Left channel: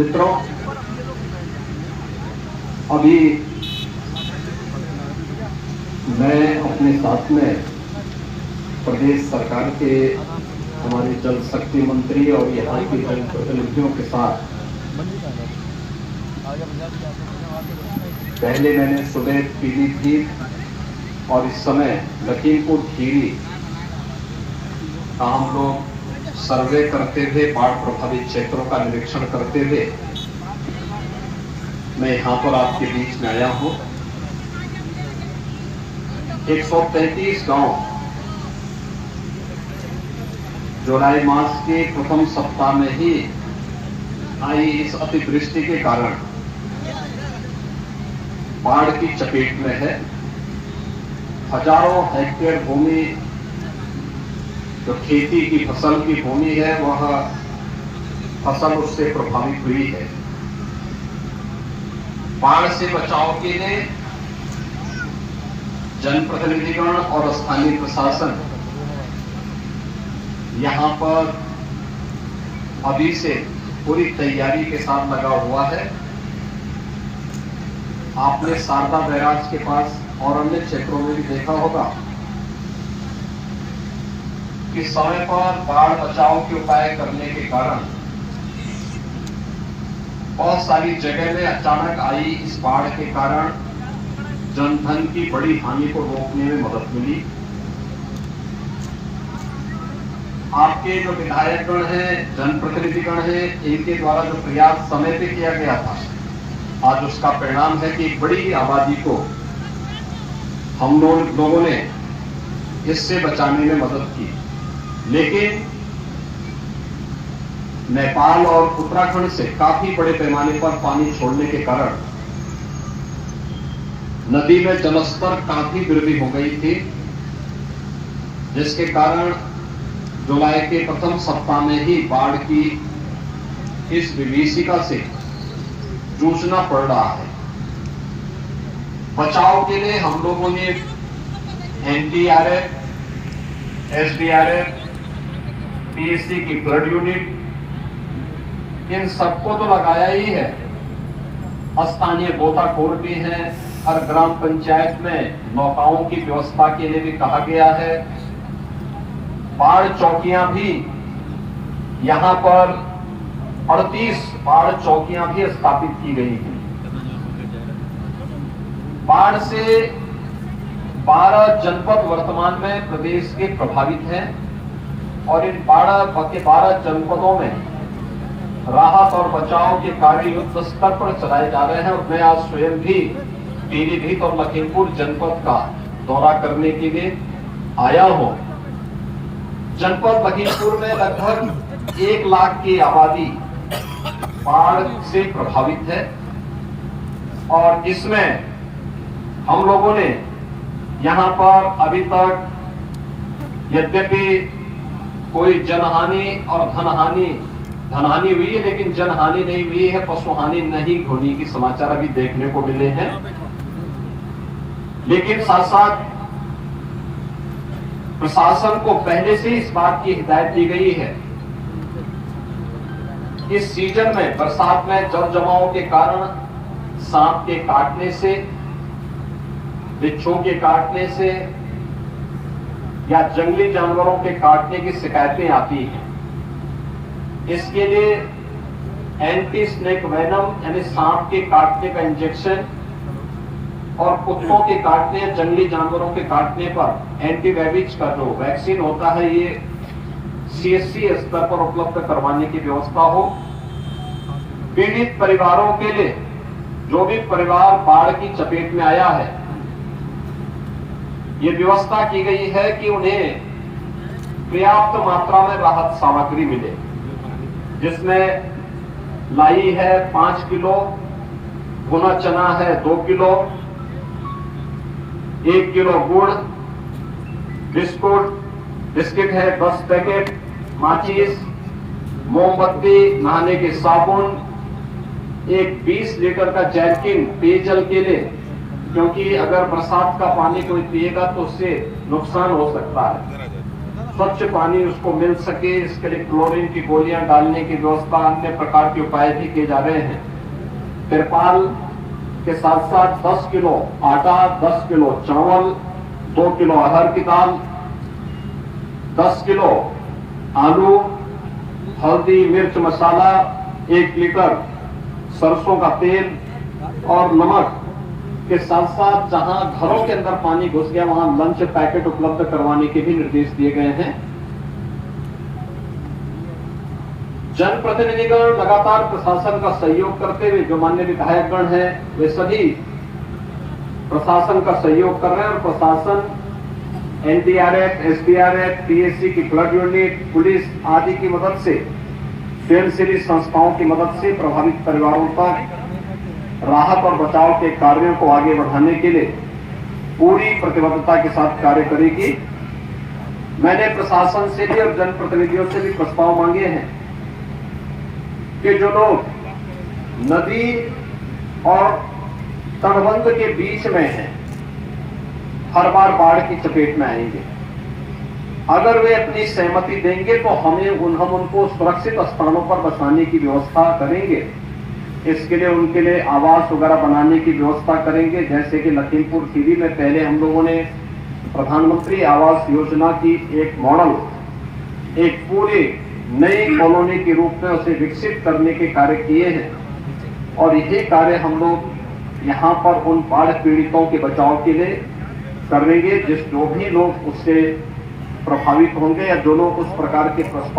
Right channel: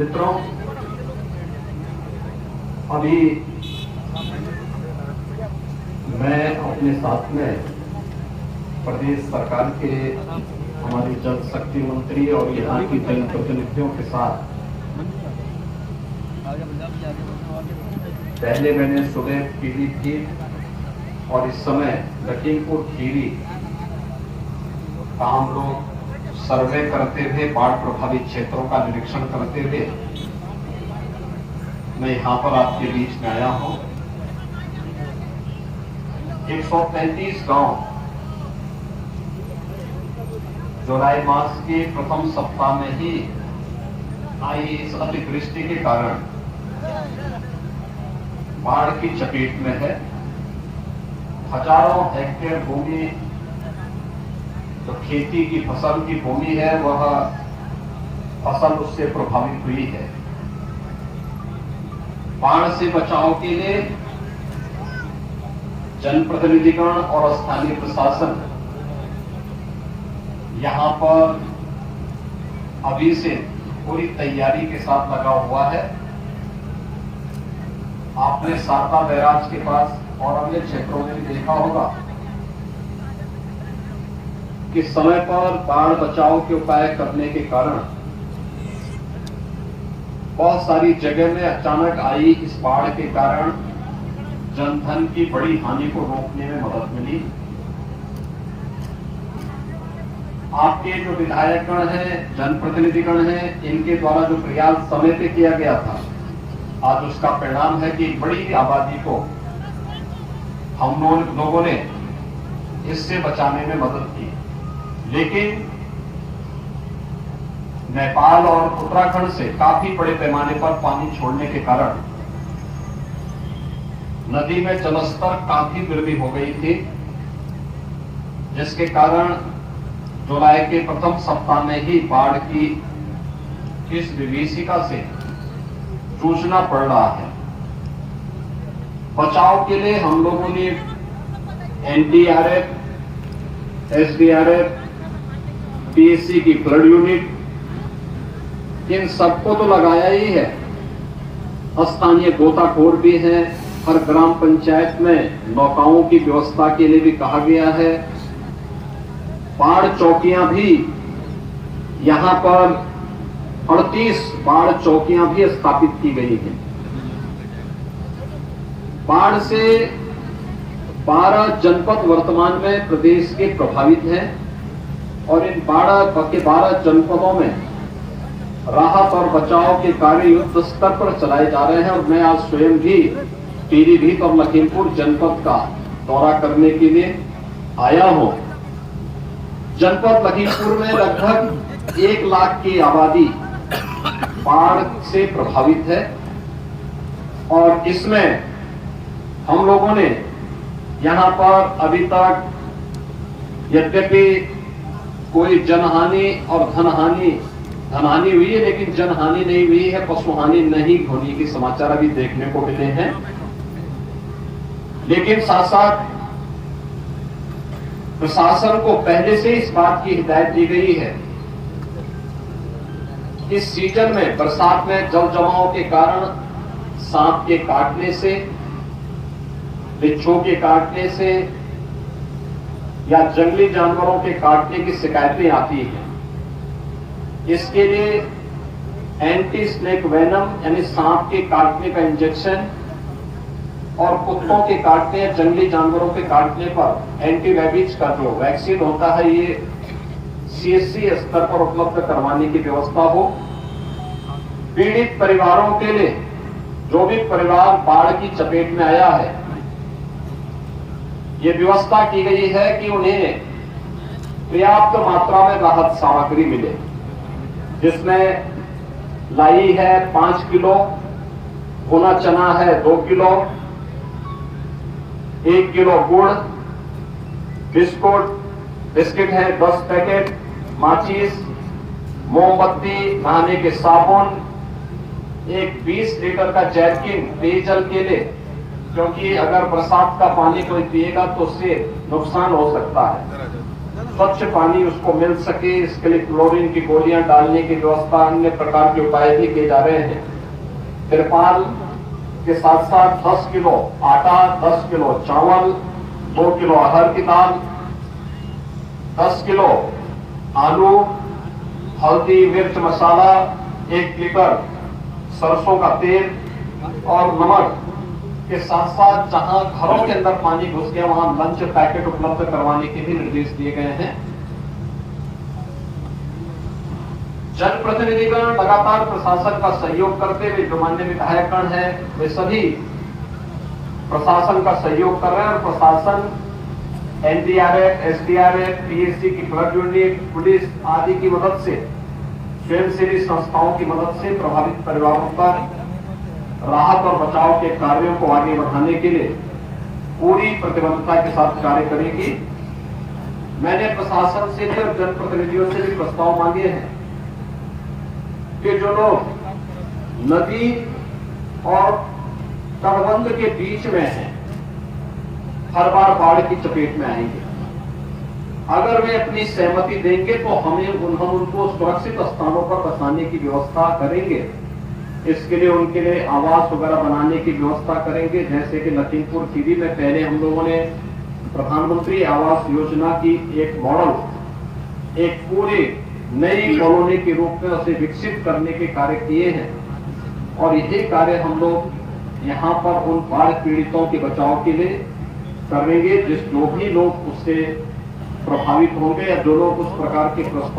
मित्रों, अभी मैं अपने साथ में प्रदेश सरकार के हमारे जल शक्ति मंत्री और यहाँ के जनप्रतिनिधियों के साथ पहले मैंने सुबह पीलीभीत और इस समय लखीमपुर खीरी का हम लोग सर्वे करते हुए बाढ़ प्रभावित क्षेत्रों का निरीक्षण करते हुए मैं यहाँ पर आपके बीच में आया हूँ। 133 गांव जुलाई मास के प्रथम सप्ताह में ही आई इस अतिवृष्टि के कारण बाढ़ की चपेट में है। हजारों हेक्टेयर भूमि जो खेती की फसल की भूमि है वह फसल उससे प्रभावित हुई है। बाढ़ से बचाव के लिए जनप्रतिनिधिगण और स्थानीय प्रशासन यहां पर अभी से पूरी तैयारी के साथ लगा हुआ है। आपने शारदा बैराज के पास और अन्य क्षेत्रों में भी देखा होगा कि समय पर बाढ़ बचाव के उपाय करने के कारण बहुत सारी जगह में अचानक आई इस बाढ़ के कारण जनधन की बड़ी हानि को रोकने में मदद मिली। आपके जो विधायकगण हैं, जनप्रतिनिधिगण हैं, इनके द्वारा जो प्रयास समय पे किया गया था, आज उसका परिणाम है कि बड़ी आबादी को हम लोगों ने इससे बचाने में मदद की। लेकिन नेपाल और उत्तराखंड से काफी बड़े पैमाने पर पानी छोड़ने के कारण नदी में जलस्तर काफी वृद्धि हो गई थी, जिसके कारण जुलाई के प्रथम सप्ताह में ही बाढ़ की इस विभीषिका से जूझना पड़ रहा है। बचाव के लिए हम लोगों ने एनडीआरएफ, एसडीआरएफ, पीएससी की फ्लड यूनिट, इन सबको तो लगाया ही है। स्थानीय गोताखोर भी हैं। हर ग्राम पंचायत में नौकाओं की व्यवस्था के लिए भी कहा गया है। बाढ़ चौकियां भी यहां पर 38 बाढ़ चौकियां भी स्थापित की गई हैं। बाढ़ से 12 जनपद वर्तमान में प्रदेश के प्रभावित हैं और इन 12 जनपदों में राहत और बचाव के कार्य युद्ध स्तर पर चलाए जा रहे हैं। और मैं आज स्वयं भी पीलीभीत और लखीमपुर जनपद का दौरा करने के लिए आया हूं। जनपद लखीमपुर में लगभग 1 लाख की आबादी बाढ़ से प्रभावित है और इसमें हम लोगों ने यहां पर अभी तक यद्यपि कोई जनहानि और धनहानि हुई है, लेकिन जनहानि नहीं हुई है, पशुहानि नहीं होने के समाचार अभी देखने को मिले हैं। लेकिन साथ साथ प्रशासन को पहले से इस बात की हिदायत दी गई है, इस सीजन में बरसात में जल जमाव के कारण सांप के काटने से, बिच्छू के काटने से या जंगली जानवरों के काटने की शिकायतें आती हैं। इसके लिए एंटी स्नेक वेनम यानी सांप के काटने का इंजेक्शन और कुत्तों के काटने या जंगली जानवरों के काटने पर एंटीरेबीज का जो वैक्सीन होता है, ये सीएससी स्तर पर उपलब्ध करवाने की व्यवस्था हो। पीड़ित परिवारों के लिए, जो भी परिवार बाढ़ की चपेट में आया है, ये व्यवस्था की गई है कि उन्हें पर्याप्त मात्रा में राहत सामग्री मिले, जिसमें लाई है 5 किलो, भुना चना है 2 किलो, 1 किलो गुड़, बिस्किट है 10 पैकेट, माचिस, मोमबत्ती, नहाने के साबुन, एक 20 लीटर का जैरकिन पेयजल के लिए, क्योंकि अगर बरसात का पानी कोई पिएगा तो उससे नुकसान हो सकता है। स्वच्छ पानी उसको मिल सके, इसके लिए क्लोरीन की गोलियां डालने की व्यवस्था, अन्य प्रकार के उपाय भी किए जा रहे हैं। तिरपाल के साथ साथ 10 किलो आटा, 10 किलो चावल, 2 किलो अरहर की दाल, 10 किलो आलू, हल्दी, मिर्च, मसाला, 1 लीटर सरसों का तेल और नमक के साथ साथ जहां घरों के अंदर पानी घुस गया वहां लंच पैकेट उपलब्ध करवाने के भी निर्देश दिए गए हैं। जनप्रतिनिधिगण लगातार प्रशासन का सहयोग करते हुए, जो माननीय विधायकगण हैं वे सभी प्रशासन का सहयोग कर रहे हैं और प्रशासन एनडीआरएफ, एसडीआरएफ, पीएससी की फ्लड यूनिट, पुलिस आदि की मदद से, स्वयंसेवी संस्थाओं की मदद से प्रभावित परिवारों पर राहत और बचाव के कार्यों को आगे बढ़ाने के लिए पूरी प्रतिबद्धता के साथ कार्य करेगी। मैंने प्रशासन से भी और जनप्रतिनिधियों से भी प्रस्ताव मांगे हैं कि जो लोग नदी और तटबंध के बीच में हैं, हर बार बाढ़ की चपेट में आएंगे। अगर वे अपनी सहमति देंगे तो हम उनको सुरक्षित स्थानों पर बसाने की व्यवस्था करेंगे। इसके लिए उनके लिए आवास वगैरह बनाने की व्यवस्था करेंगे। जैसे कि लखीमपुर खीरी में पहले हम लोगों ने प्रधानमंत्री आवास योजना की एक मॉडल, एक पूरी नई कॉलोनी के रूप में उसे विकसित करने के कार्य किए हैं और यही कार्य हम लोग यहां पर उन बाढ़ पीड़ितों के बचाव के लिए करेंगे। जो भी लोग उससे प्रभावित होंगे या जो लोग उस प्रकार के प्रस्ताव